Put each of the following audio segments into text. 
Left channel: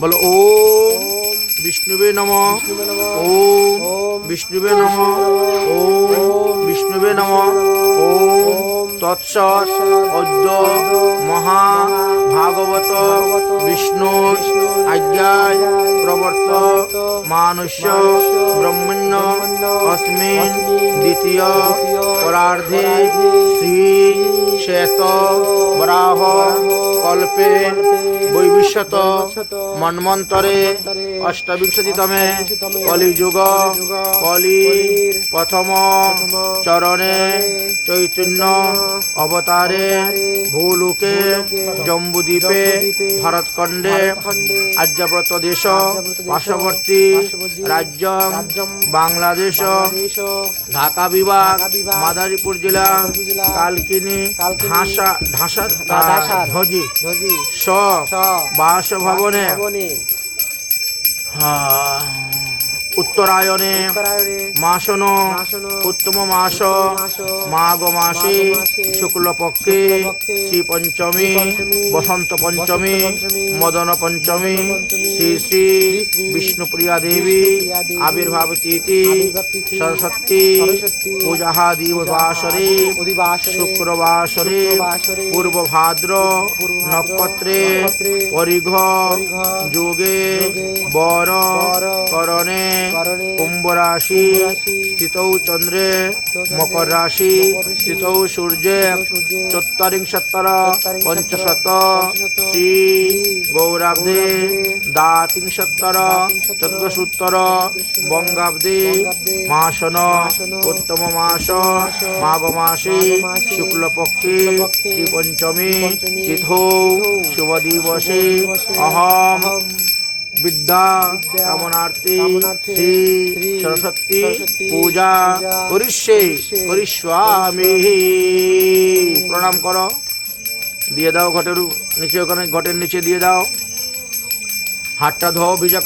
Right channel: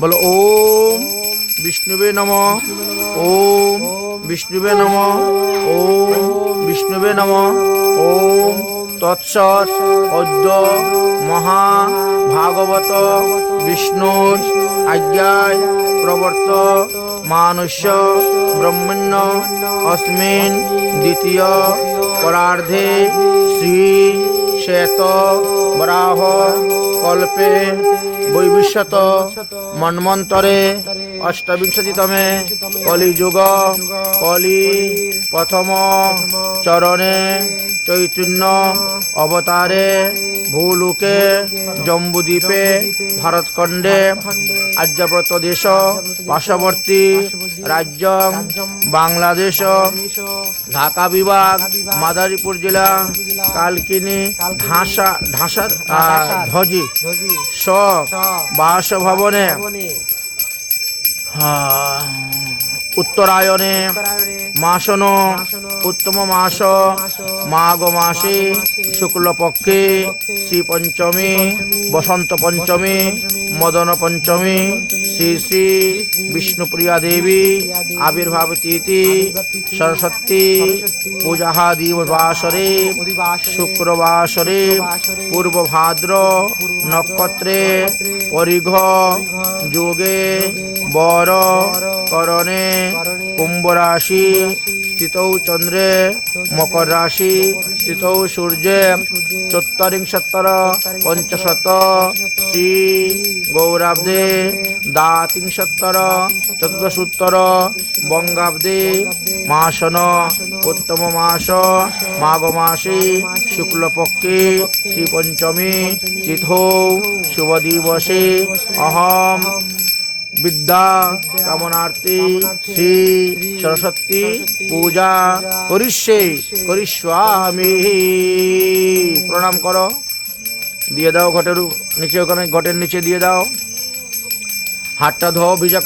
বলো, ওম বিষ্ণুবে নম, ওম বিষ্ণুবে নম, ওম বিষ্ণুবে নম, ওম তৎসৎ অদ্য মহা ভাগবত বিষ্ণুর আজ্ঞায় প্রবর্ত মানুষ্য ব্রহ্মণ্য অস্মিন দ্বিতীয় পরার্ধে শ্রী শ্বেত বরাহ কল্পে বৈবিশ্যত মন্মন্তরে অষ্টবিংশতিতমে কলিযুগ কলি প্রথম চরণে চৈতন্য অবতারে ভূলোকে জম্বুদ্বীপে ভারতখণ্ডে আর্যব্রত দেশ পার্শ্ববর্তী রাজ্য বাংলাদেশ ঢাকা বিভাগ মাদারীপুর জেলা কালকিনি ঢাসা ঢাসা ভজি স বাসভবনে আহ, উত্তরায়ণে মাসন উত্তম মাস মাঘ মাসে শুক্লপক্ষে শ্রী পঞ্চমী বসন্ত পঞ্চমী মদন পঞ্চমী শ্রী শ্রী বিষ্ণুপ্রিয়া দেবী আবির্ভাব তিথি সরস্বতী পূজা দিবসরে শুক্রবাসরে পূর্ব ভাদ্র নক্ষত্রে পরিঘ যোগে বর করণে কুম্ভ রাশি স্থিতৌ চন্দ্রে মকর রাশি স্থিতৌ সূর্যে চত্বরিংশত্তর পঞ্চশত শ্রী গৌরাব্দে দ্বাতিংশত্তর চতুর্দশোত্তর বঙ্গাব্দে মাসন উত্তম মাস মাঘ মাসে শুক্লপক্ষে শ্রী পঞ্চমী তিথৌ শুভ দিবসে। অহম বিদ্যা কামনার্থী শ্রী সরস্বতী পূজা করিষ্যে করিষ্যামি প্রণাম করো। দিয়ে দাও ঘটের, নিচে ওখানে ঘটের নিচে দিয়ে দাও। হাতটা ধোও, ভিজা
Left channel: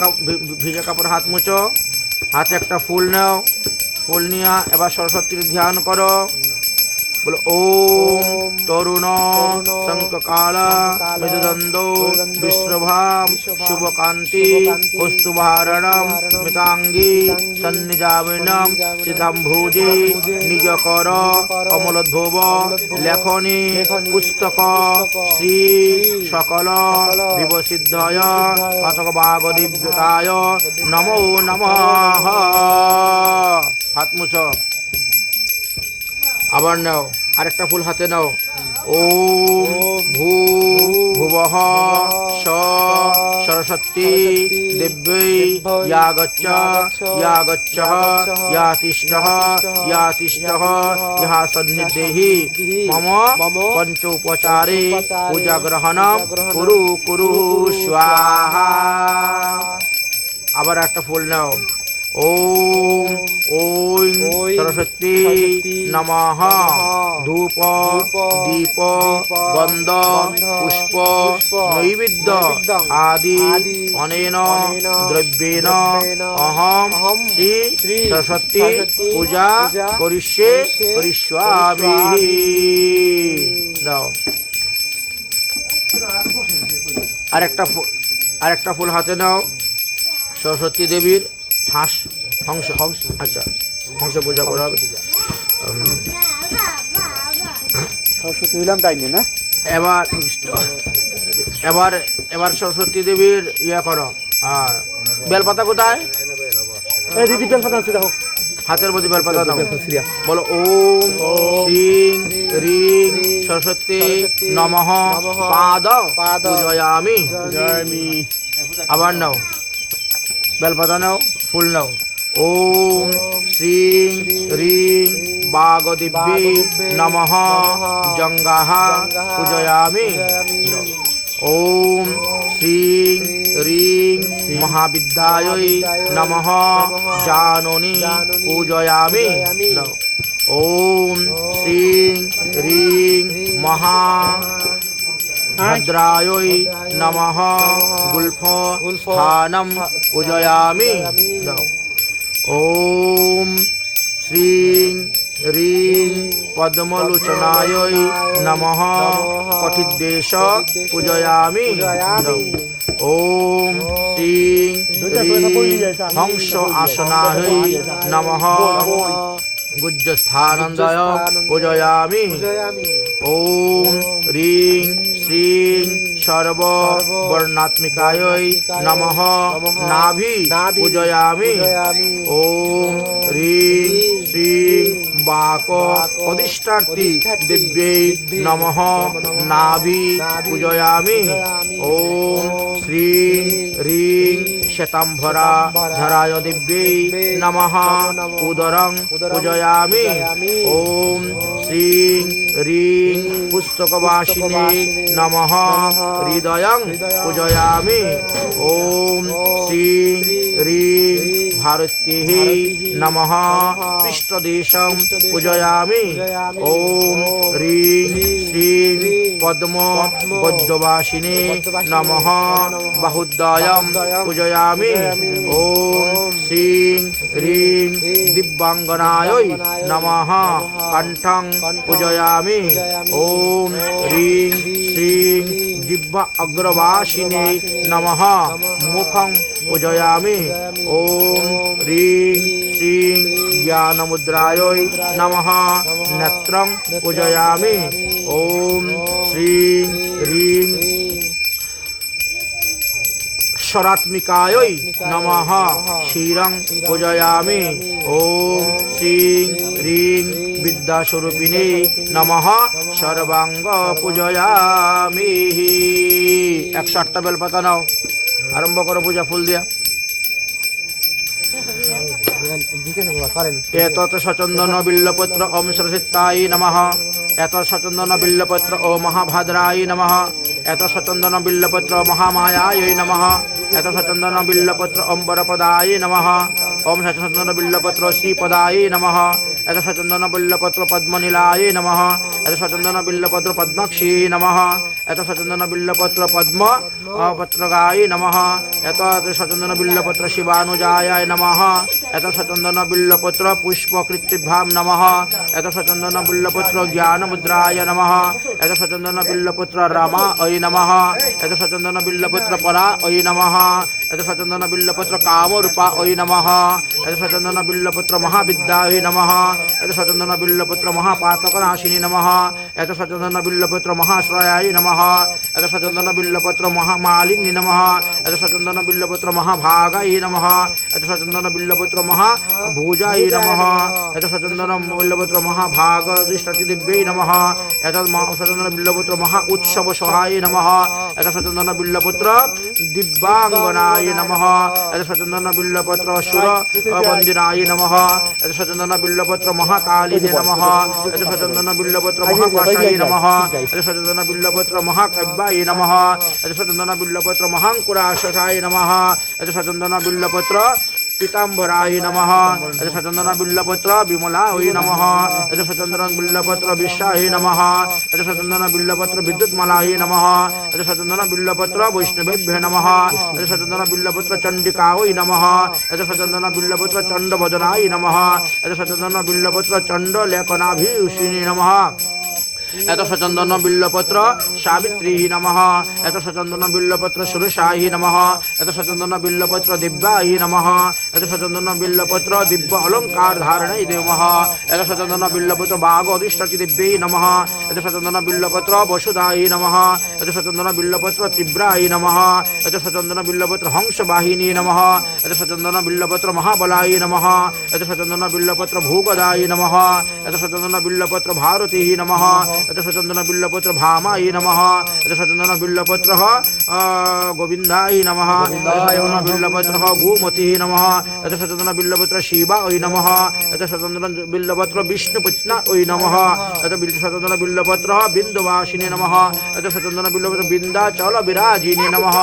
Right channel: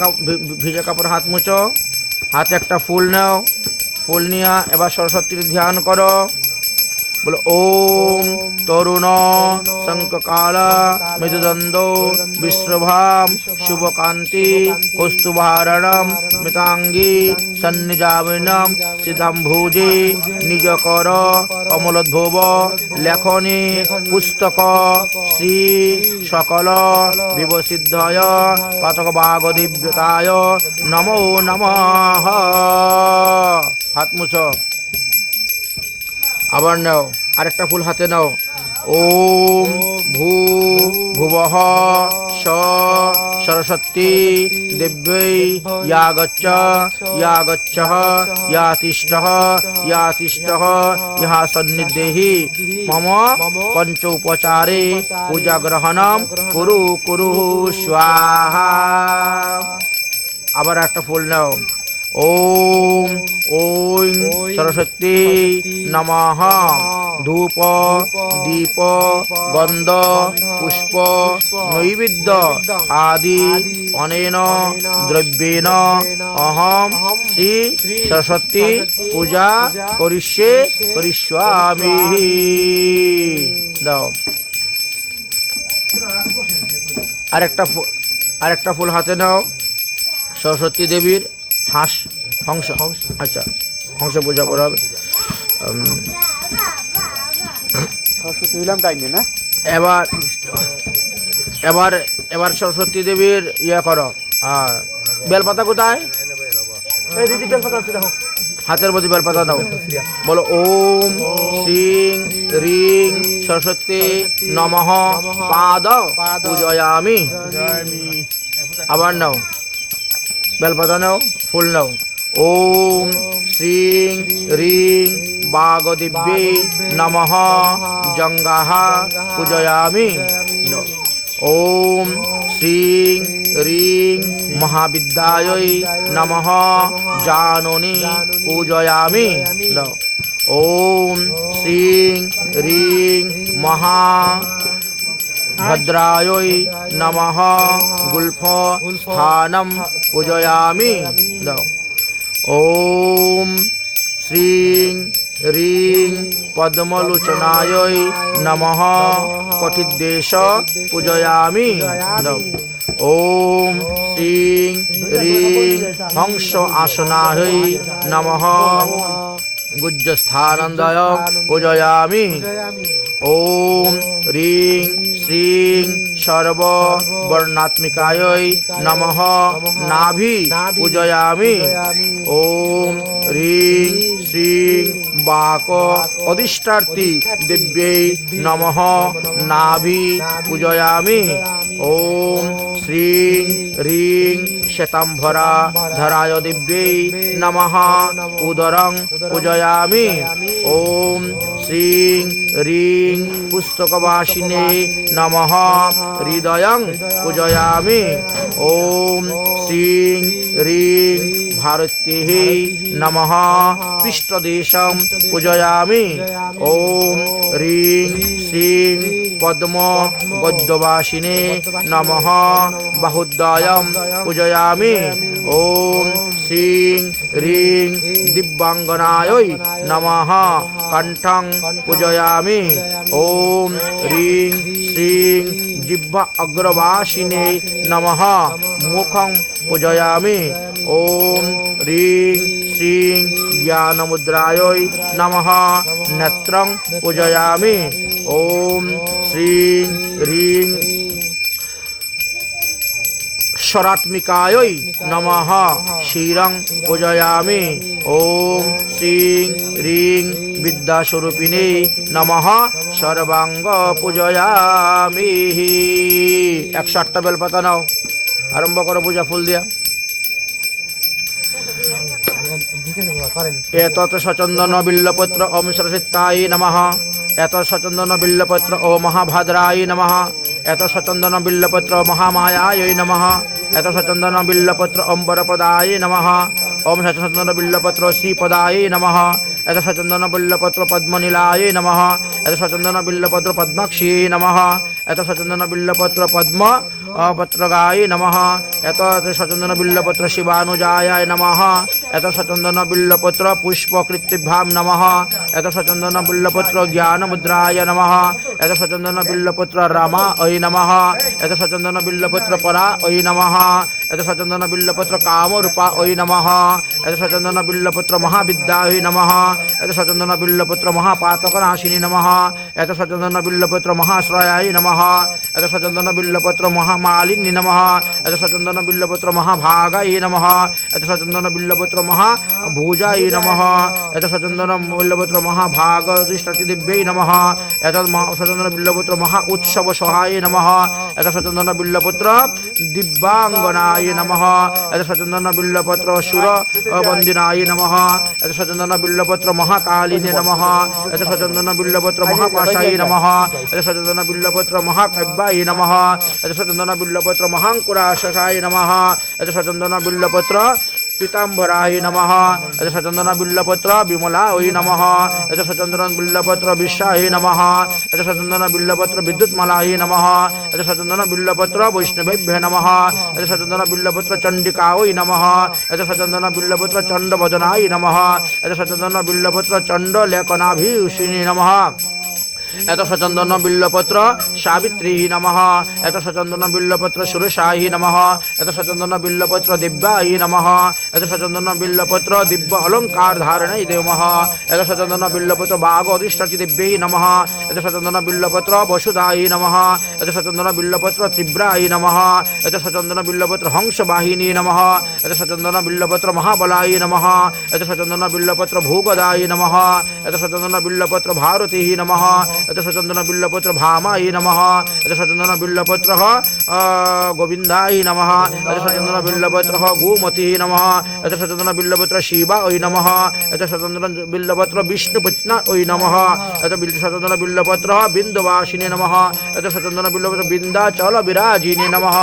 ভিজা কাপড় হাত মুছো। হাতে একটা ফুল নাও। ফুল নিয়ে এবার সরস্বতীর ধ্যান করো। বলো ওম তরুণ শঙ্ককাল মৃদুদন্দ বিশ্বভাম শুভকান্তি কৌস্তুভারণম মিতাঙ্গী সন্নিজামিনম সিদ্ধাম্ভুজে নিজকর কমলোদ্ভব লেখনী পুস্তক শ্রী সকল বিবসিদ্ধয় পাতক বাগ দিব্যতায় নমো নমঃ হাত মুছো আবার নাও, আরেকটা ফুল হাতে নাও। ওম ভূ ভুবঃ স সরস্বতী দেব্যৈ ইয়া গচ্ছ ইয়া গচ্ছ ইয়া তিষ্ঠঃ ইয়া তিষ্ঠঃ ইহা সন্নিধেহি মম পঞ্চ উপচারে পূজা গ্রহণম কুরু কুরু, স্বাহা। আবার একটা ফুল নাও। ওম ওম সরস্বতী নমঃ ধূপ দীপ গন্ধ পুষ্প নৈবেদ্য আদি অনেন দ্রব্যেন অহম শ্রী সরস্বতী পূজা করিষ্যে করিষ্যামি দাও। আরেকটা আরেকটা ফুল হাতে নাও। সরস্বতী দেবীর হাঁস হংস হংস আচ্ছা হংস পূজা করা হবে। সরস্বতী টাইমে না? এবার এবার এবার সরস্বতী দেবীর ইয়া করো। আর বেলপাতা কোথায়? এই দিদি বেল পাতা আছে দেখো। হাতের মধ্যে বেলপাতা দাও। বলো ওম শ্রীং রিং সরস্বতী নমঃ পাদ পূজয়ামি আবার নাও। বেলপাতা নাও ফুল নাও ওম শ্রীং রিং বাগদিব্যে নমঃ জঙ্গাহ পূজয়ামি ওম শ্রীং রিং মহাবিদ্যায় নমঃ জাননী পূজয়ামি ওম শ্রীং রিং মহা ভদ্রায় নমঃ গুল্ফ স্থানম পূজয়ামি ওম শ্রীং রিং পদ্মলোচনায় নমঃ কঠিদ্দেশ পূজয়ামি ওম শ্রীং হ্রিং হংস আসনাহৈ নমঃ গুজ্জস্থানন্দয় পূজয়ামি ওম হ্রিং শ্রীং সর্ব বর্ণাত্মিকায় নমঃ নাভি পূজয়ামি ওম হ্রিং শ্রীং বাক অধিষ্ঠার্থী দিব্যై নমঃ নাভি পূজয়ামি শ্রীং হ্রিং শ্বেতাম্ভরা ধরায় দিব্যై নমঃ। উদরং পূজয়ামি। ওম শ্রীং হ্রিং পুস্তকবাসিনে নমঃ। হৃদয়ং পূজয়ামি। ওম শ্রীং হ্রিং ভারত্যেः নমঃ পৃষ্ঠদেশং পূজয়ামি ওম হ্রিং শ্রীং পদ্ম গদ্যবাসিনে নমঃ বাহুদ্বয়ং পূজয়ামি ওম শ্রীং হ্রিং দিব্যাঙ্গনায় নমঃ কণ্ঠং পূজয়ামি ওম হ্রিং শ্রীং জিহ্বা অগ্রবাসিনে নমঃ মুখং পূজয়ামি ওম হ্রিং শ্রীং জ্ঞানমুদ্রায় নমঃ নেত্রং পূজয়ামি ওম শ্রীং হ্রিং স্বরাত্মিকায় নমঃ শিরং পূজয়ামি ওম শ্রীং হ্রিং বিদ্যাস্বরূপিণী নমঃ সর্বাঙ্গ পূজয়ামি একশো আটটা বেলপাতা নাও আরম্ভ করো পূজা ফুল দিয়া এতৎ সচন্দন বিল্লপত্র ওম সরস্বত্যায় নমঃ। এত সচন্দন বিল্লপত্র ও মহাভাদ্রায় নমঃ। এত সচন্দন বিল্লপত্র মহামায়ায় নমঃ। এত সচন্দন বিল্লপত্র অম্বরপদায় নমঃ। ওম সচন্দন বিল্লপত্র শ্রীপদায় নমঃ। এত সচন্দন বিল্লপত্র পদ্মনীলায় নমঃ। এত সচন্দন বিল্লপত্র পদ্মাক্ষী নমঃ। এত সচন্দন বিল্লপত্র পদ্ম পত্রগায় নমঃ। এত সচন্দন বিল্লপত্র শিবানুজায় নমঃ। এত সচন্দন বিল্লপত্র পুষ্পকৃতিভ্যাম নমঃ এত সচন্দন বিল্লপত্র জ্ঞানমুদ্রায় নমঃ এত সচন্দন বিল্লপত্র রামা ঐ নমঃ এত সচন্দন বিল্লপত্র পরা ঐ নমঃ এত সচন্দন বিল্লপত্র কামরূপা ঐ নমঃ এত সচন্দন বিল্লপত্র মহাবিদ্যা ঐ নমঃ এত সচন্দন বিল্লপত্র মহাপাতকনাশিনী নমঃ এত সচন্দন বিল্লপত্র মহাশ্রয়ায় নমঃ এত সচন্দন বিল্লপত্র মহামালিনী নমঃ এত সচন্দন বিল্লপত্র মহাভাগায় নমঃ এত সচন্দন বিল্লপত্র মহাভুজায় নমঃ এত সচন্দন বিল্লপত্র মহাভাগ দৃষ্টি দিব্যై নমঃ এত সচন্দন বিল্লপত্র মহা উৎসব সহায় নমঃ এত সচন্দন বিল্লপত্র দিব্যাঙ্গনায় নমঃ এত সচন্দন বিল্লপত্র সুর বন্দিনায় নমঃ এত সচন্দন বিল্লপত্র মহাকালিনে নমঃ এত সচন্দন বিল্লপত্র মহাকাশায় নমঃ এত সচন্দন বিল্লপত্র মহাকাব্যায় নমঃ এত সচন্দন বিল্লপত্র মহাঙ্কুরাশকায় নমঃ এত সচন্দন বিল্লপত্র পীতাম্বরায় নমঃ এত সচন্দন বিল্লপত্র বিমলায় নমঃ এত সচন্দন বিল্লপত্র বিশ্বায় নমঃ এত সচন্দন বিল্লপত্র বিদ্যুৎমালায় নমঃ এত সচন্দন বিল্লপত্র বৈষ্ণবেভ্য নমঃ এত সচন্দন বিল্লপত্র চণ্ডিকায় নমঃ এত এত সচন্দন বিল্লপত্র সাবিত্রী নমঃ এত সচন্দন বিল্লপত্র সুরসায়ী নমঃ এত সচন্দন বিল্লপত্র দিব্যায়ী নমঃ এত সচন্দন বিল্লপত্র দিব্য অলঙ্কার ধারণায় দেমঃ এত সচন্দন বিল্লপত্র বাঘ অধিষ্ঠাতি দিব্যৈ নমঃ এত সচন্দন বিল্লপত্র বসুদায়ী নমঃ এত সচন্দন বিল্লপত্র তীব্রায়ী নমঃ এত সচন্দন বিল্লপত্র হংসবাহিনী নমঃ এত সচন্দন বিল্লপত্র মহাবলায়ী নমঃ এত সচন্দন বিল্লপত্র ভূগদায়ী নমঃ এত সচন্দন বিল্লপত্র ভারতী নমঃ এত সচন্দন বিল্লপত্র ভামায়ী নমঃ এত সচন্দন বিল্লপত্র গোবিন্দায় নমঃ এত সচন্দন বিল্লপত্র গোমতী নমঃ এত সচন্দন বিল্লপত্র শিবা ওই নমঃ এত সচন্দন বিল্লপত্র বিষ্ণুপত্ন ওই নমঃ বিল সচন্দন বিল্লপত্র বিন্দুবাসিনী নমঃ এত সচন্দন বিন্দাচল বিরাজিনী নমঃ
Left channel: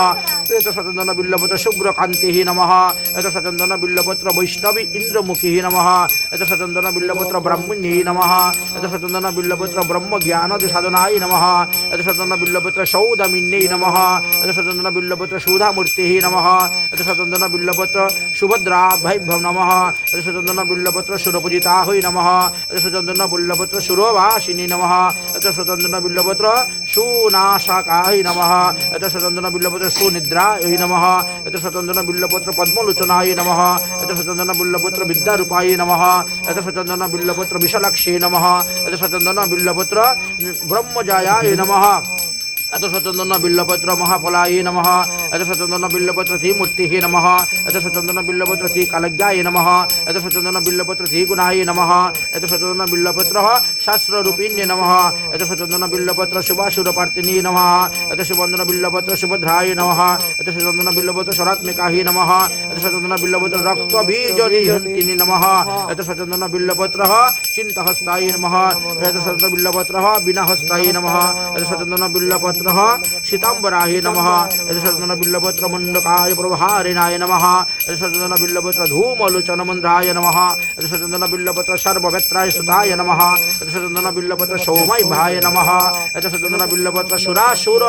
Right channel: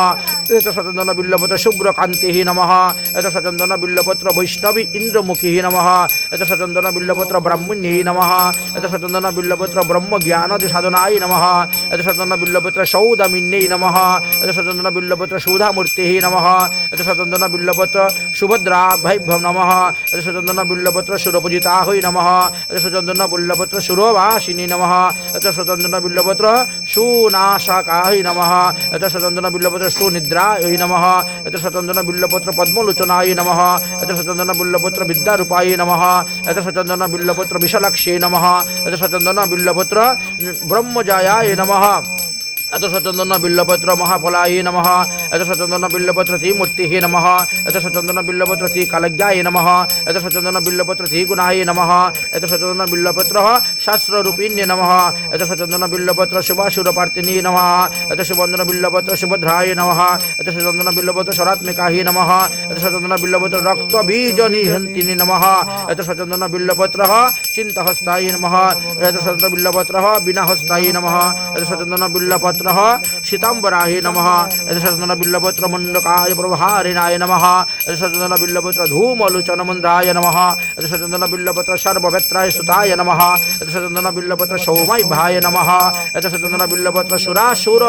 এত সচন্দন বিল্লপত্র শুভ্রকান্তি নমঃ এত সচন্দন বিল্লপত্র বৈষ্ণবী ইন্দ্রমুখী নমঃ এত সচন্দন বিল্লপত্র ব্রহ্মণ্যী নমঃ এত সচন্দন বিল্লপত্র ব্রহ্ম জ্ঞানদি সাধনায় নমঃ এত সচন্দন বিল্লপত্র সৌদামিন্যై নমঃ এত সচন্দন বিল্লপত্র সৌধামূর্তি নমঃ এত সচন্দন বিল্লপত্র সুভদ্রাভ্যম নমঃ এত সচন্দন বিল্লপত্র সুরপূজিতা হই নমঃ এত সচন্দন বিল্লপত্র সুরবাসিনী নমঃ এত সচন্দন বিল্লপত্র সুনাশকায় নমঃ এত সচন্দন বিল্লপত্র সুনিদ্রা বজ্রায় নমঃ এত সচন্দন বিল্লপত্র পদ্মলোচনায় নমঃ এত সচন্দন বিল্লপত্র বিদ্যারূপায় নমঃ এত সচন্দন বিল্লপত্র বিশালাক্ষে নমঃ এত সচন্দন বিল্লপত্র ব্রহ্মজায়ায় নমঃ এত সচন্দন বিল্লপত্র মহাফলায় নমঃ এত সচন্দন বিল্লপত্র শ্রী মূর্তিঃ নমঃ এত সচন্দন বিল্লপত্র শ্রী কালজ্ঞায় নমঃ এত সচন্দন বিল্লপত্র শ্রী গুণায় নমঃ এত সচন্দন বিল্লপত্র শাস্ত্ররূপিণ্যে নমঃ এত সচন্দন বিল্লপত্র শুভাসুরপার্তিনী নমঃ এত সুবন্দন বিল্লপত্র সুভদ্রায় নমঃ এত সচন্দন বিল্লপত্র সরাত্মিকাহি নমঃ এত সচন্দন বিল্লপত্র রক্ত বীজ নিহন্তিনি নমঃ এত সচন্দন বিল্লপত্র চিন্তহস্তায় নমঃ এত সচন্দন বিল্লপত্র বিনাহস্তায় নমঃ এত সচন্দন বিল্লপত্র শীতাম্বরায় নমঃ এত সচন্দন বিল্লপত্র মণ্ডকায় প্রভারিণায় নমঃ এত সচন্দন বিল্লপত্র ধূমলোচন মন্দ্রায় নমঃ এত সচন্দন বিল্লপত্র সর্ববেত্রায় সুতায় নমঃ এত সচন্দন বিল্লপত্র সৌমাই ভায় নমঃ এত সচন্দন বিল্লপত্র সুরাসুর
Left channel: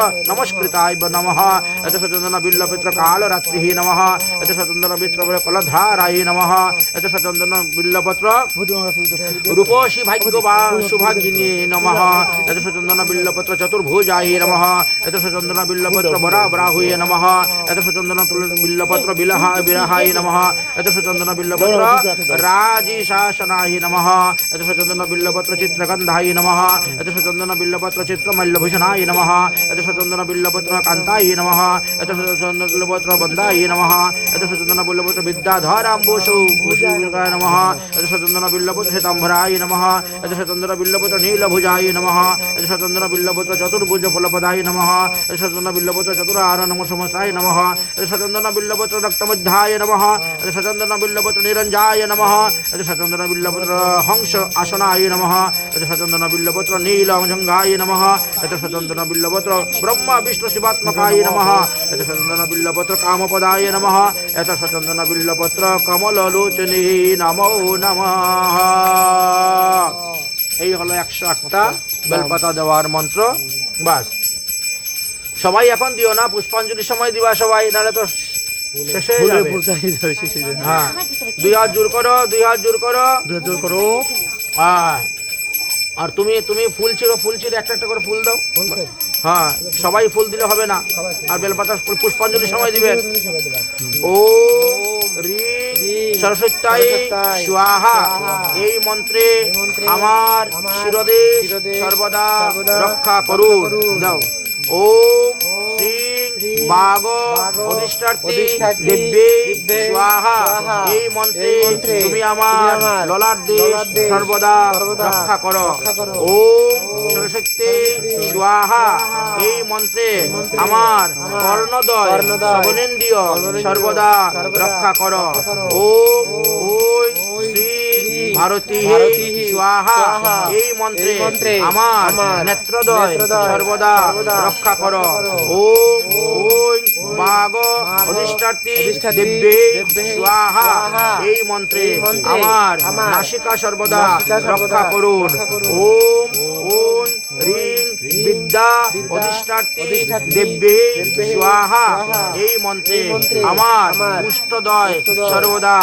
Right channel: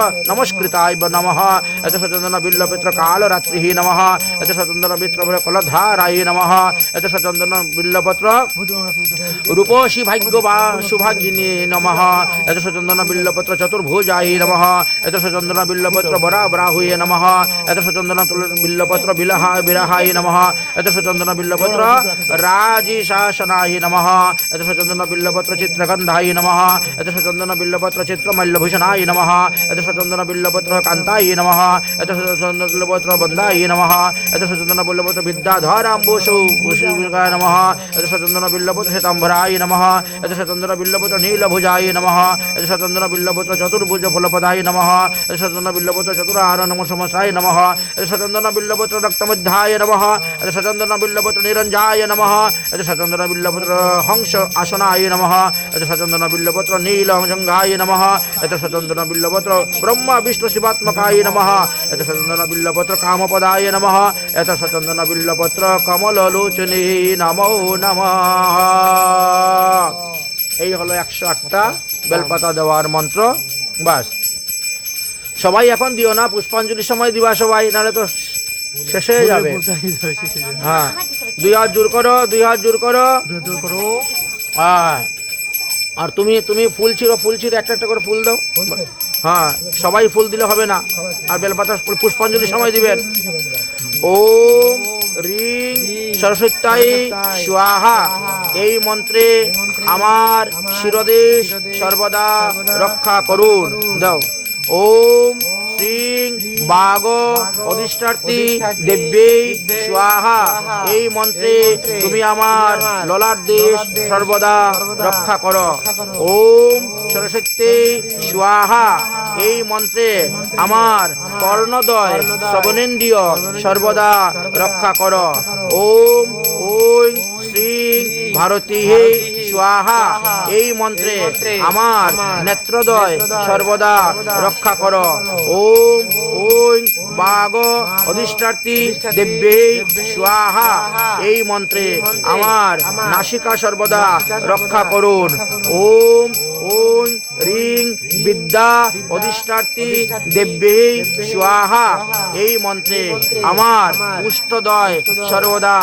নমস্কৃতায় নমঃ এত সচন্দন বিল্লপত্র কালরাত্রিः নমঃ এত সচন্দন বিল্লপত্র কলধারায় নমঃ এত সচন্দন বিল্লপত্র রূপসী ভাগ্য বা শুভাঙ্গিনী নমঃ এত সচন্দন বিল্লপত্র চতুর্ভুজায় নমঃ এত সচন্দন বিল্লপত্র বরাবরাহুয়ে নমঃ এত সচন্দন বিল্লপত্র বিলহায় বিরহায় নমঃ এত সচন্দন বিল্লপত্র রাজি শাসনায় নমঃ এত সচন্দন বিল্লপত্র চিত্রগন্ধায় নমঃ নমঃ। এত সচন্দন বিল্লপত্র চতুরাহার নম সমসায় নমঃ। সচন্দন বিল্লপত্র রক্তমধ্যায় নমঃ। সচন্দন বিল্লপত্র নিরঞ্জায় নমঃ। সচন্দন বিল্লপত্র হংস আসনায় নমঃ। সচন্দন বিল্লপত্র নীলজঙ্গায় নমঃ। এত সচন্দন বিল্লপত্র ব্রহ্মা বিষ্ণু শিবাত্মকায় নমঃ। সচন্দন বিল্লপত্র কামপদায় নমঃ। সচন্দন বিল্লপত্র কমললোচনে নমো নমঃ। এই হলো একশো আটটা বেলপাতা দেওয়ার মন্ত্র। বাস। সবাই এখন দিও না পুষ্পাঞ্জলির সময় দিবা সবাই নাহলে তো শেষ হয়ে যাবে। হ্যাঁ। দুই হাত জোর করো দুই হাত জোর করো। করো। হ্যাঁ। আর তুমি তুমি ফুল ছিড়ো ফুল ছিঁড়ে একটা একটা করে ফুল দাও। হ্যাঁ সবাই ফুল দিলে হবে না। আর বেলপাতা পুষ্পাঞ্জলির সময় দিবেন। ও রিং সরস্বত্যাই স্বাহা। এই মন্ত্রে আমার শিরদেশ সর্বদা রক্ষা করুন। দাও। ওম শ্রীং বাগ অধিষ্ঠার্থী দেব্যে স্বাহা। এই মন্ত্রে তুমি আমার ললাট দেশ সর্বদা রক্ষা করো। ওম সরস্বতী স্বাহা। এই মন্ত্রে আমার কর্ণদয় শ্রবণেন্দ্রিয় সর্বদা রক্ষা করো। ওম, ওই শ্রী ভারতী স্বাহা। এই মন্ত্রে আমার নেত্রদয় সর্বদা রক্ষা কর। ওম ওই বাগ অধিষ্ঠার্থী দেব্যে স্বাহা। এই মন্ত্রে আমার নাসিকা সর্বদা রক্ষা করুন। ওম ওম রিং বিদ্যা অধিষ্ঠার্থী দেব্যে স্বাহা। এই মন্ত্রে আমার পুষ্টদয় সর্বদা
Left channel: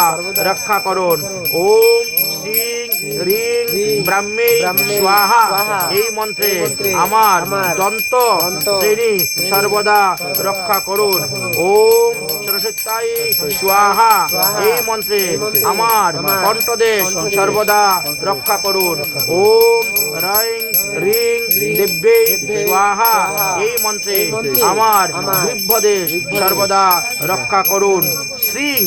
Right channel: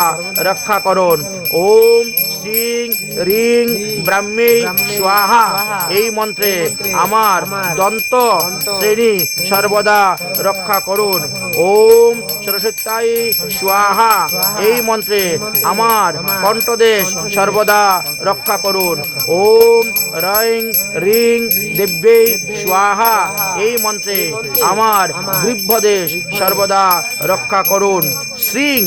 রক্ষা করুন। ওম শ্রীং রিং ব্রাহ্মী স্বাহা এই মন্ত্রে আমার দন্ত শ্রেণি সর্বদা রক্ষা করুন। ওম সরস্বতাই স্বাহা। এই মন্ত্রে আমার কণ্ঠদেশ সর্বদা রক্ষা করুন। ওম রং রিং দেব্যে স্বাহা। এই মন্ত্রে আমার বৃদ্ধদেশ সর্বদা রক্ষা করুন। শ্রীং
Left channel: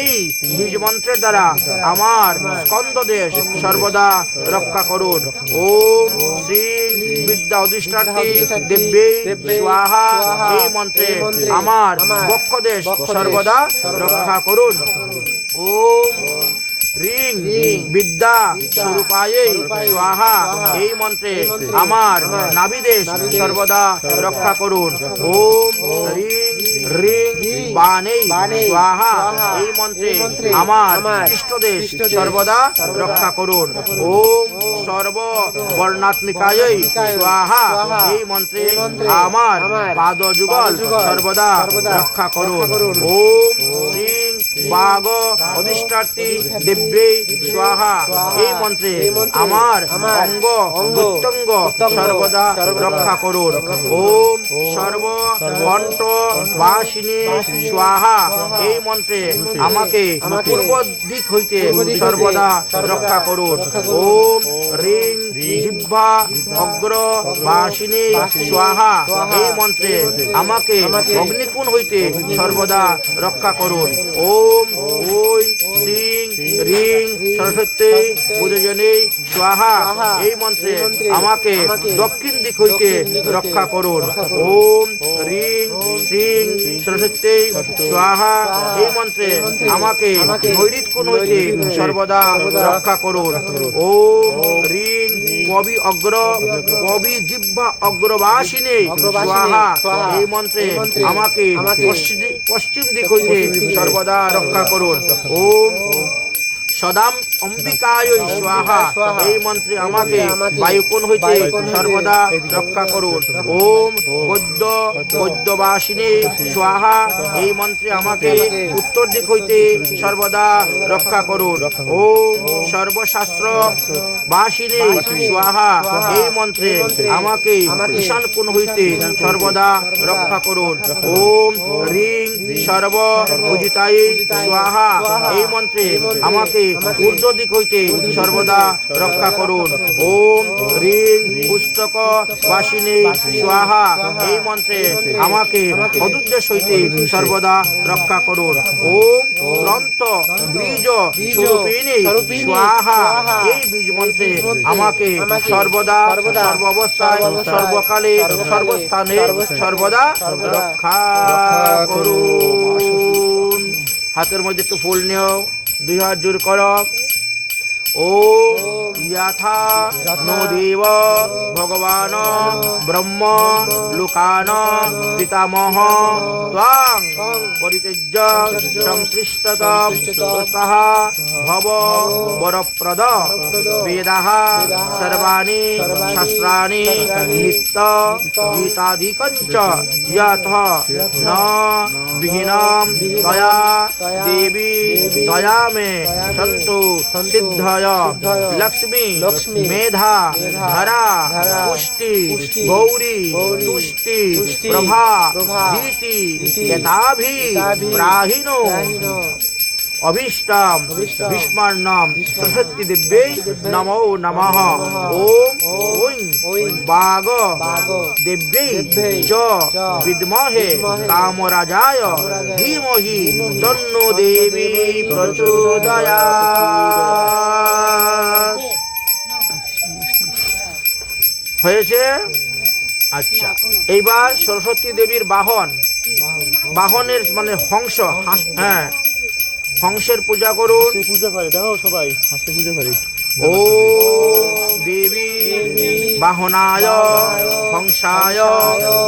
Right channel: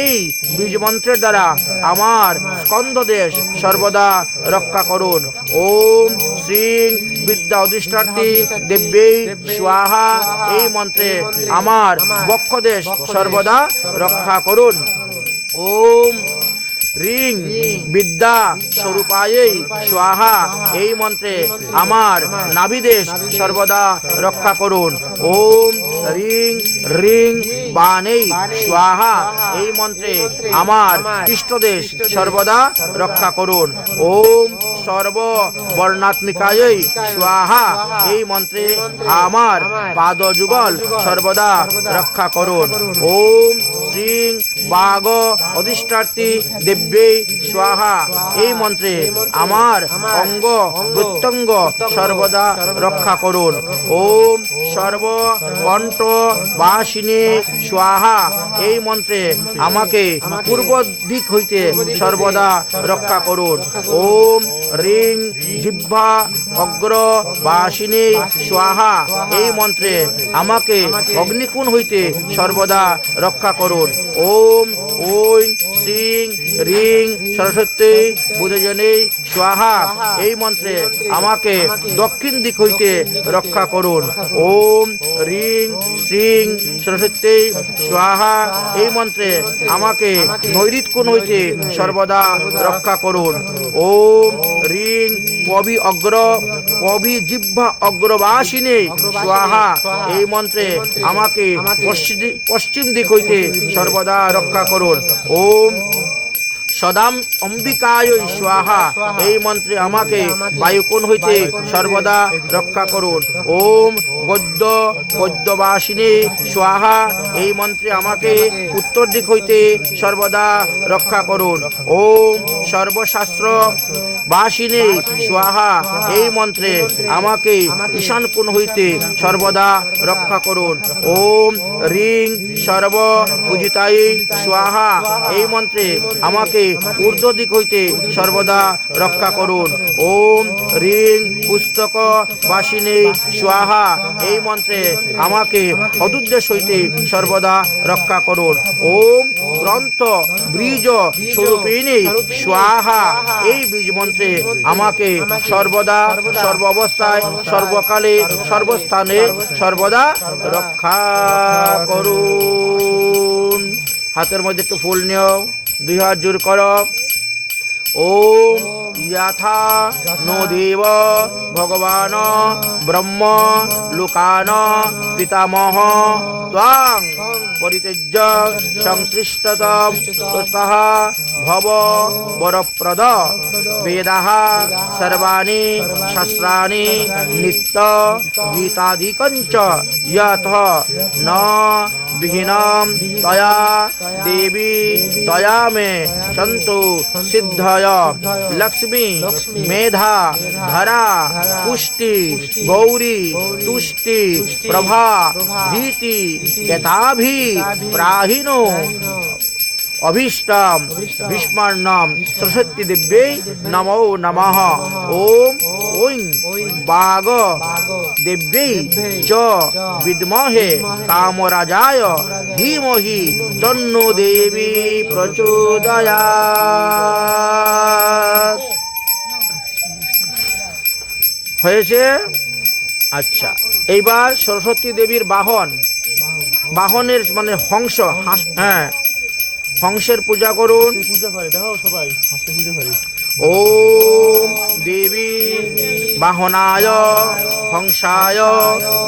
এই বীজ মন্ত্রের দ্বারা আমার স্কন্দদেশ সর্বদা রক্ষা করুন। ওম শ্রীং বিদ্যা অধিষ্ঠানটি দেব্যী স্বাহা। এই মন্ত্রে আমার বক্ষদেশ সর্বদা রক্ষা করুন। ওম রিং বিদ্যা স্বরূপায় স্বাহা। এই মন্ত্রে আমার নাভিদেশ সর্বদা রক্ষা করুন। ওম রিং রিং বানেই স্বাহা। এই মন্ত্রে আমার পৃষ্ঠদেশ সর্বদা রক্ষা করুন। ওম সর্ব বর্ণাত্মিকায় স্বাহা। এই মন্ত্রে আমার পাদ যুগল সর্বদা রক্ষা করুন। ওম শ্রীং বাগ অধিষ্ঠার্থী স্বাহা। এই মন্ত্রে আমার অঙ্গ প্রত্যঙ্গ সর্বদা রক্ষা করুন। ওম সর্ব কণ্ঠ বাসিনী স্বাহা। এই মন্ত্রে আমাকে পূর্ব দিক হইতে সর্বদা রক্ষা করুন। ওম রিং জিহ্বা অগ্র বাসিনী স্বাহা। এই মন্ত্রে আমাকে অগ্নিকুণ হইতে সর্বদা রক্ষা করুন। ওম ওই শ্রিং রিং সরস্বতী বুধজনী স্বাহা এই মন্ত্রে আমাকে দক্ষিণ দিক হইতে রক্ষা করুন। ওম রিং সিং সরস্বতী স্বাহা এই মন্ত্রে আমাকে নৈরিত কোন হইতে সর্বদা রক্ষা করুন। ওম রিং কবি অগ্র কবি জিহ্বা অগ্রবাসিনী। স্বাহা এই মন্ত্রে আমাকে পশ্চিম- পশ্চিম দিক হইতে সর্বদা রক্ষা করুন। ওম সদাম অম্বিকায় স্বাহা। এই মন্ত্রে আমাকে বায়ুকোণ হইতে সর্বদা রক্ষা করুন। ওম গদ্য গদ্যবাসিনী স্বাহা। এই মন্ত্রে আমাকে উত্তর দিক হইতে সর্বদা রক্ষা করুন। ওম সর্বশাস্ত্র বাসিনী স্বাহা। এই মন্ত্রে আমাকে ঈশান কোণ হইতে সর্বদা রক্ষা করুন। ওম রিং সর্ব পূজিতাই স্বাহা। এই মন্ত্রে আমাকে ঊর্ধ্ব দিক হইতে সর্বদা রক্ষা করুন। ওম রিং পুস্তক বাসিনী স্বাহা, এই মন্ত্রে আমাকে অদুদ্দেশ হইতে সর্বদা রক্ষা করুন। ওম গ্রন্থ বীজ স্বরূপিণী, স্বাহা, এই বীজ মন্ত্রে আমাকে সর্বদা সর্ব অবস্থায় সর্বকালে, সর্বস্থানে সর্বদা রক্ষা করুন। হাতের মধ্যে একটু ফুল নিও, দুই হাত জোর করো। ओम यथा नो देव भगवान ब्रह्म लोकान पितामह त्वां परित्यज्य संसृष्टतः भव वरप्रद वेदाः सर्वाणि शास्त्राणि नित्त गीतादिकञ्च यथ न विहीनां तया देवी तया मे सन्तु सिद्धय बुद्धाया लक्ष्मी मेधा धरा पुष्टि गौरी तुष्टि प्रभा भीति यथाभि प्राहिनो अभीष्टाम भीष्माण नाम सरस्वती दिव्य नमो नमः। ओम ओं बाग दिव्य च विद्महे कामराजाय धीमहि तन्नो देवी प्रचोदया হয়েছে? আচ্ছা এইবার সরস্বতী দেবীর বাহন। বাহনের মানে হংস হাঁস- হ্যাঁ হংসের পূজা করুন। পূজা করে দেখো সবাই হাসতে পূজা করে। ও দেবী বাহনায় হংসায়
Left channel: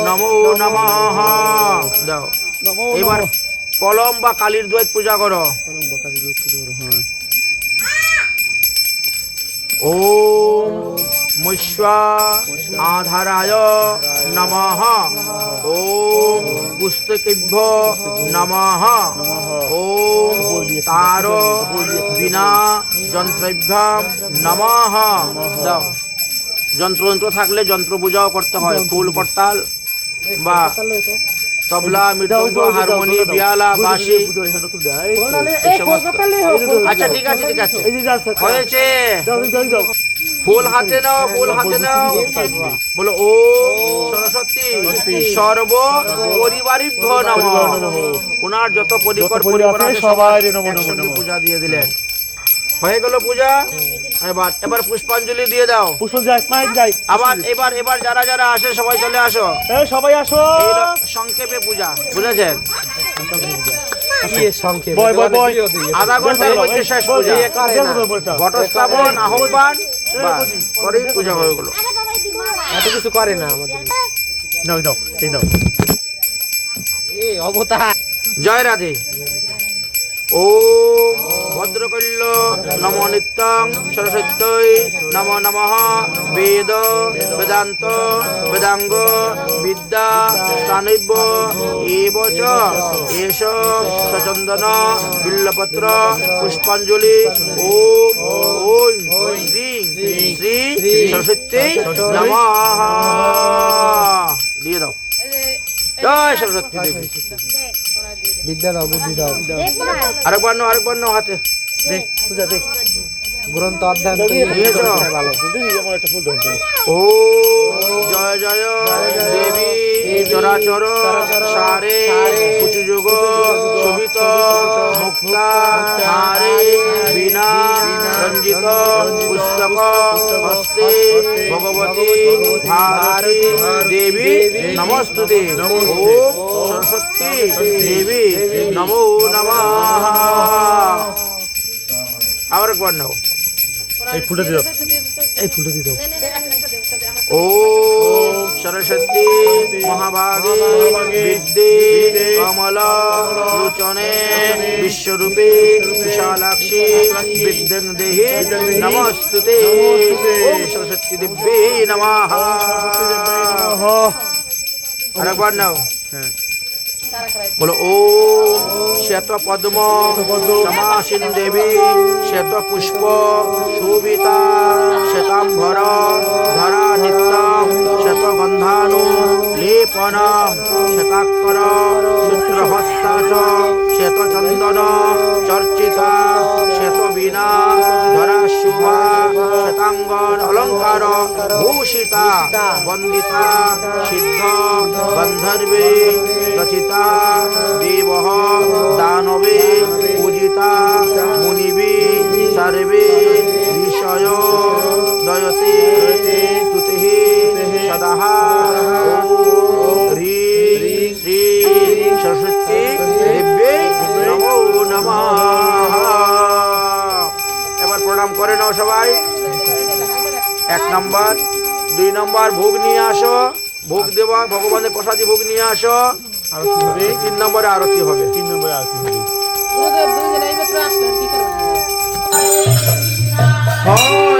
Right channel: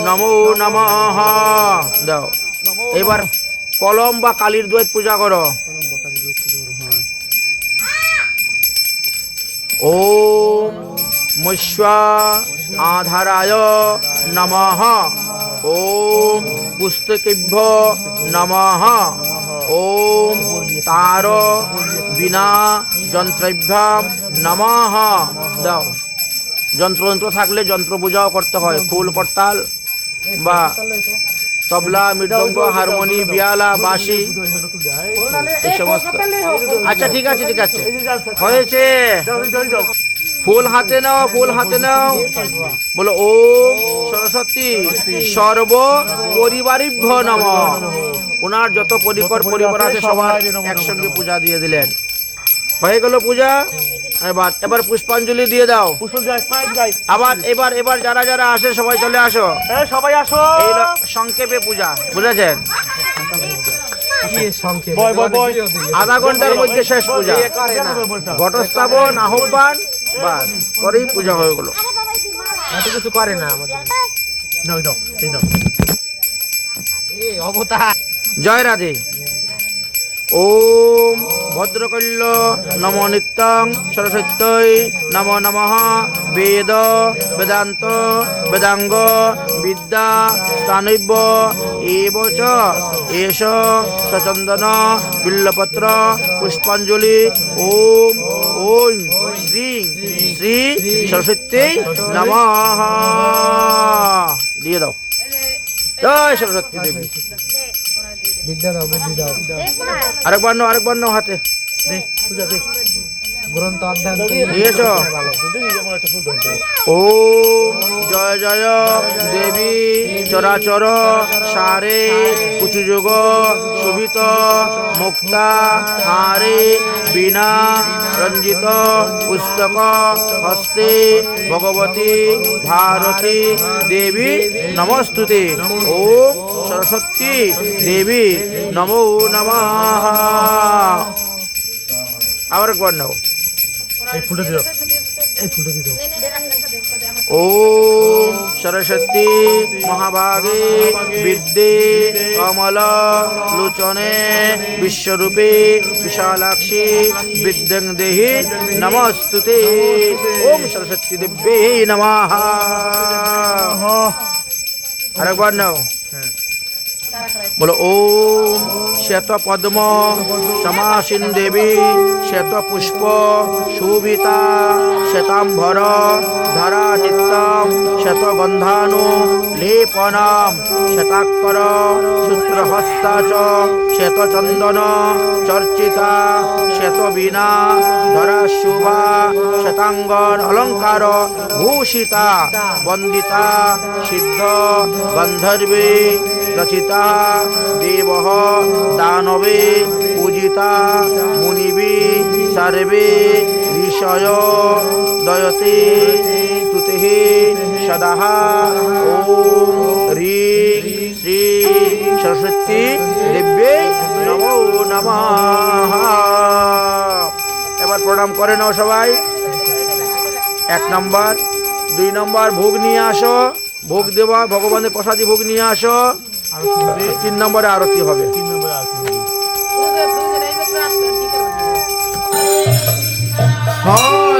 নমো নমঃ। দাও। এবার কলম বা কালীর দ্বৈত পূজা করো। ও মুষ্যা আধারায় নমঃ ও পুস্তকেভ্য নমঃ ও তার বিনা যন্ত্রভ্যাম নমঃ দাও যন্ত্র যন্ত্র থাকলে যন্ত্র পূজাও করতে হয় ফুল করতাল বা তবলা মৃদঙ্গ হারমোনি বিয়ালা বাঁশি আচ্ছা ঠিক আছে ঠিক আছে হয়েছে ফুল হাতে নাও ফুল হাতে নাও। বলো ও সরস্বতী সর্ব পরিবারিভ্য নম। ওনার যত পরিকর পরিবার সবার একসঙ্গে পূজা দিয়ে দিলেন। হয়ে গেল পূজা। এবার এবার পুষ্পাঞ্জলি দিয়ে দাও। আবার এবার এবার যারা যারা আসে সবাই চলে আসো। সবাই আসো। সংক্ষেপে পূজা বুঝেছেন? বয় বয় বয়। আধা ঘণ্টার মধ্যে শেষ পূজা। ঘটস্থাপন আহ্বান বাস পরেই পূজা হয়ে গেল এত কিছু করে না আমাদের। যাও যাও এই দাও। এই অবতার। জয় রাধে। ওম ভদ্রকল্য নম নিত্যং সরস্বত্যই নম নমঃ বেদ বেদান্ত বেদাঙ্গ বিদ্যা স্থানৈব্য এব চ সচন্দন বিল্লপত্র পুষ্পাঞ্জলি ওম ওম শ্রী শ্রী সরস্বতী নমঃ দিয়ে দাও। জয় সরস্বতী দেবী। বিদ্যা দাও বুদ্ধি দাও। আরেকবার নাও আরেকবার নাও হাতে। দে পূজা দে। গ্রন্থ অধ্যয়ন নিয়েছ দিদি একটা ফুল ধরতে ও জয় জয় দেবী চরাচর সারে কুচুযোগ শোভিত মুক্তা হারে বীণা রঞ্জিত পুস্তক হস্তে ভগবতী ভারতী দেবী নমস্তুতে। ও সরস্বতী দেবী নমো নমঃ। আবার একবার নাও। এই ফুলটা দিও। এই ফুলটা দিতে ও সরস্বতী মহাভাগে বিদ্যে কমল লোচনে বিশ্বরূপে বিশালাক্ষী বিদ্যং দেহি নমস্তুতে। ওম সরস্বতী দিব্যে নমঃ। আরেকবার নাও। বলো, ওম শ্বেত পদ্ম সমাসীন দেবী শ্বেত পুষ্প শোভিতা শ্বেতাম্বর ধরা নিত্যম শ্বেত বন্ধানু লেপনাম শ্বেতাক্ষর সূত্রহস্তা চ শ্বেত চন্দন চর্চিতা শ্বেত বীণা ধরা শুভা শ্বেতাঙ্গর অলঙ্কার ভূষিতা বন্দিতা সিদ্ধ গন্ধর্বে রচিতা দেব দানবে পূজিতা মুনিবি সর্বে ঋষয় দয়তে তুতে সদা করে নাও সবাই। এক নম্বর, দুই নম্বর, ভোগ নিয়ে আসো। ভোগ দেওয়া, ভগবানের প্রসাদী ভোগ নিয়ে আসো। তিন নম্বরে আরতি হবে? তিন নম্বরে আরতি হবে? কৃষ্ণ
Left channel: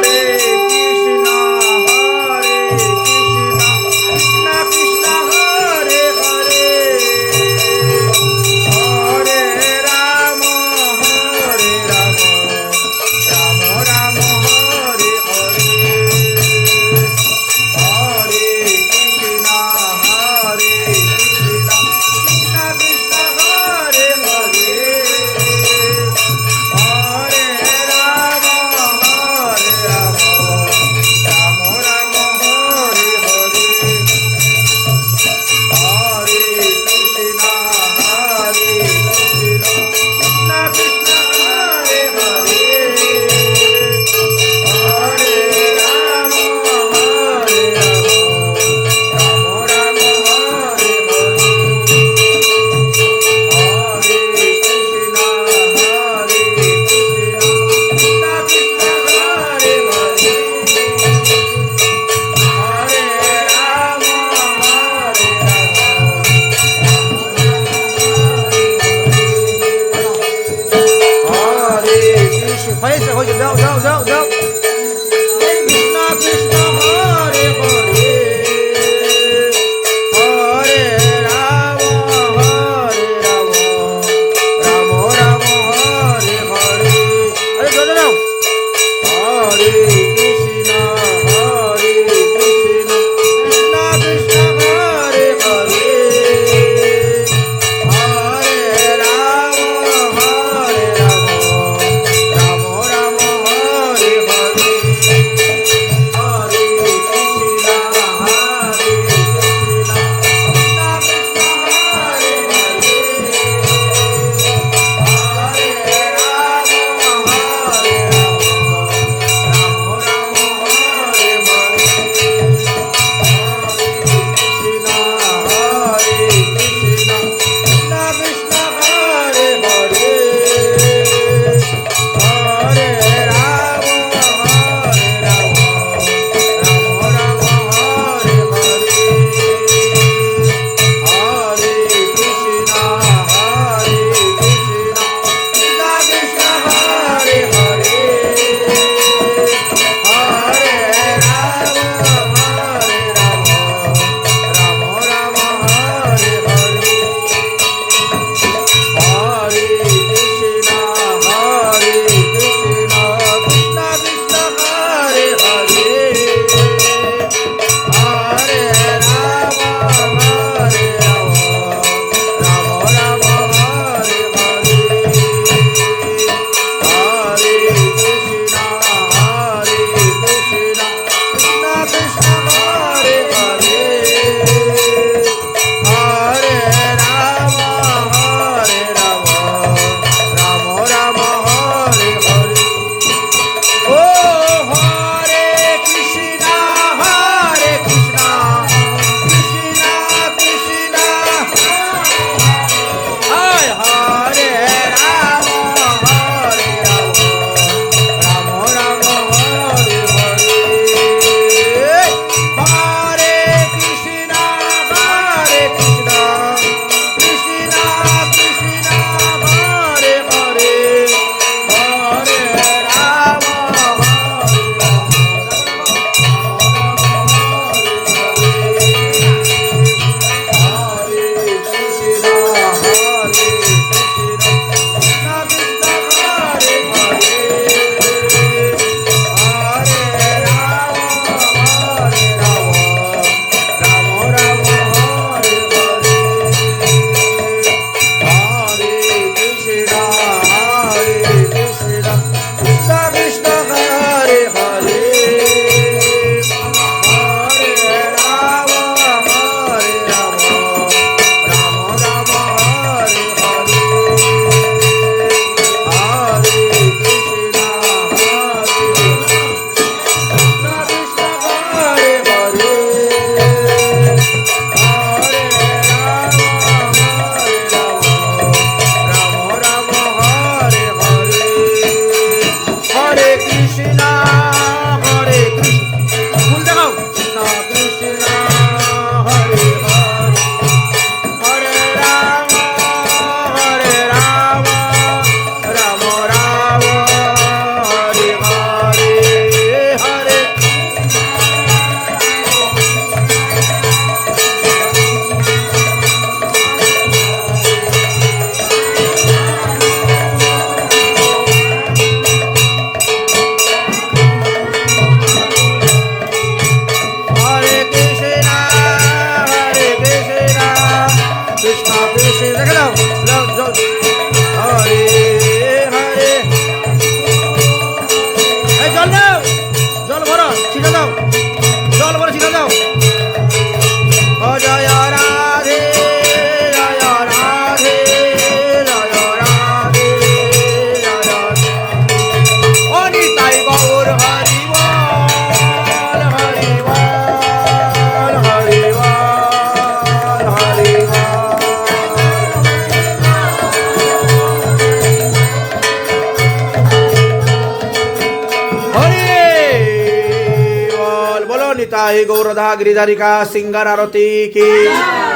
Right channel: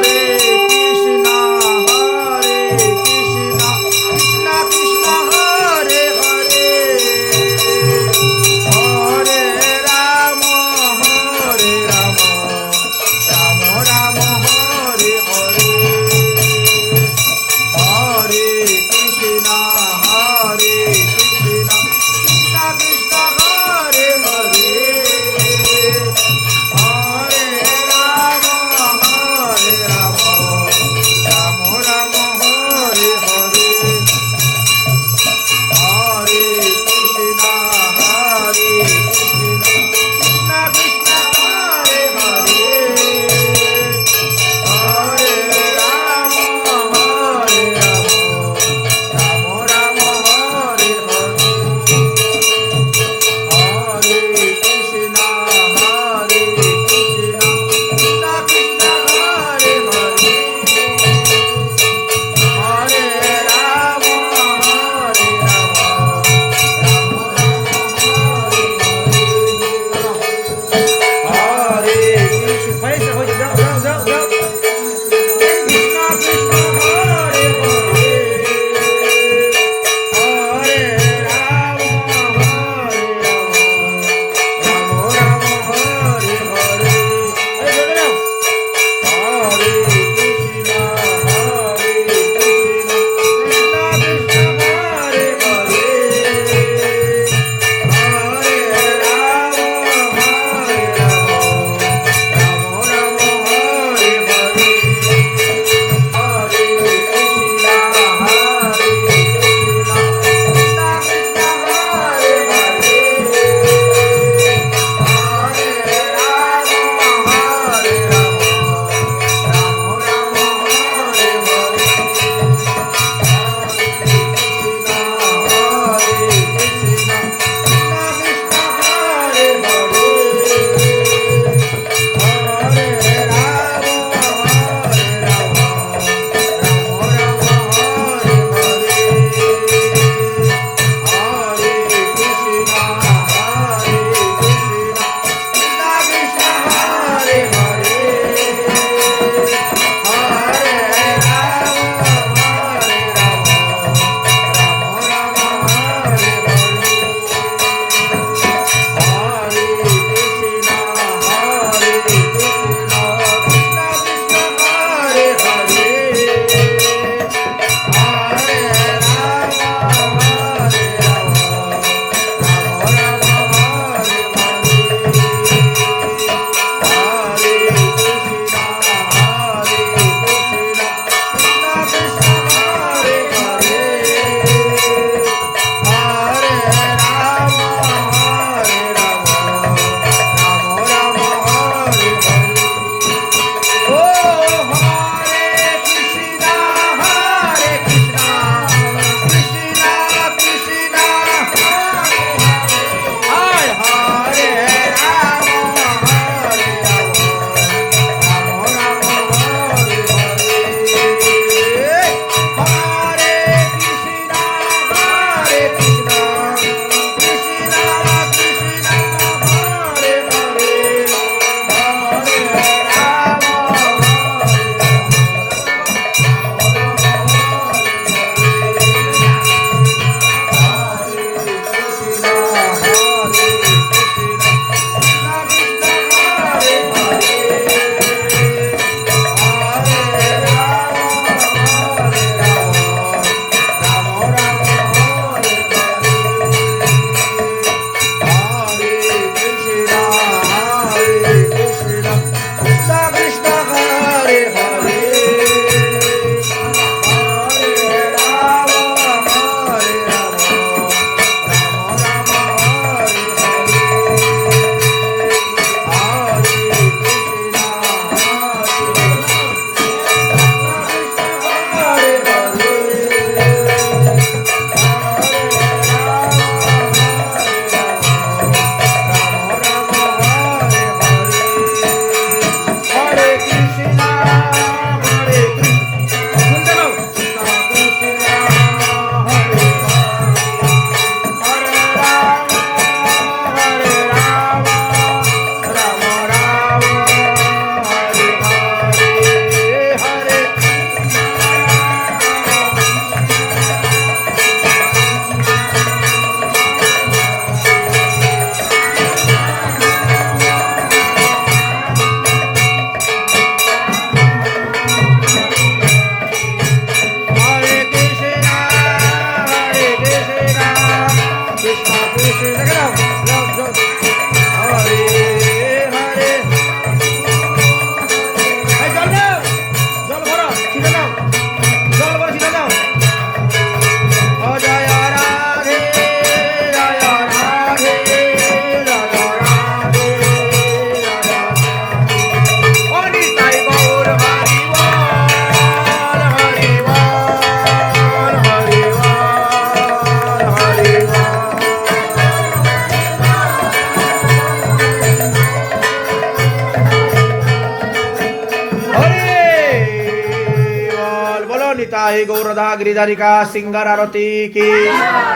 জয় গৌরধা গিরিধারিকা সিঙ্গার আরতি কি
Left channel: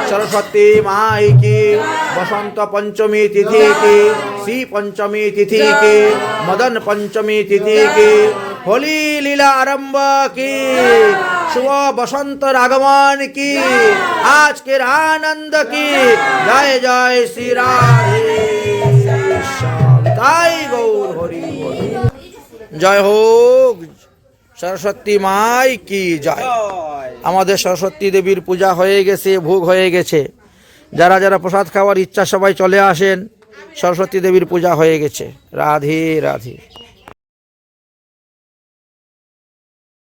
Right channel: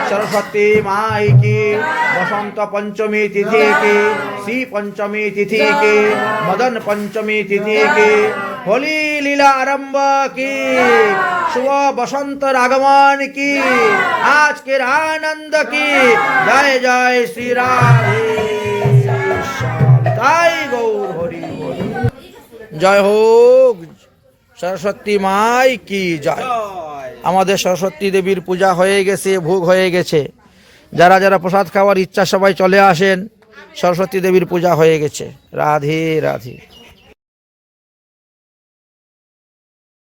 সরস্বতী মাই কি বসন্ত পঞ্চমী তিথি কি শ্রী পঞ্চমী তিথি কি মদন পঞ্চমী তিথি কি হোলি লীলা আরম্ভ কি শুভ বসন্ত আগমন কি আজকের আনন্দ কি জয় জয় শ্রী রাধে শ্যাম। তাই গৌর হরি হরি জয় হোক সরস্বতী মাই কি জয়। আমাদের সরস্বতী দেবীর পূজা হয়ে গেছে ভোগ হয়ে গেছে। যারা যারা প্রসাদ খাওয়ার ইচ্ছা সবাই চলে আসেন সরস্বতী দেবীর পূজা হয়ে গেছে। রাধে রাধে।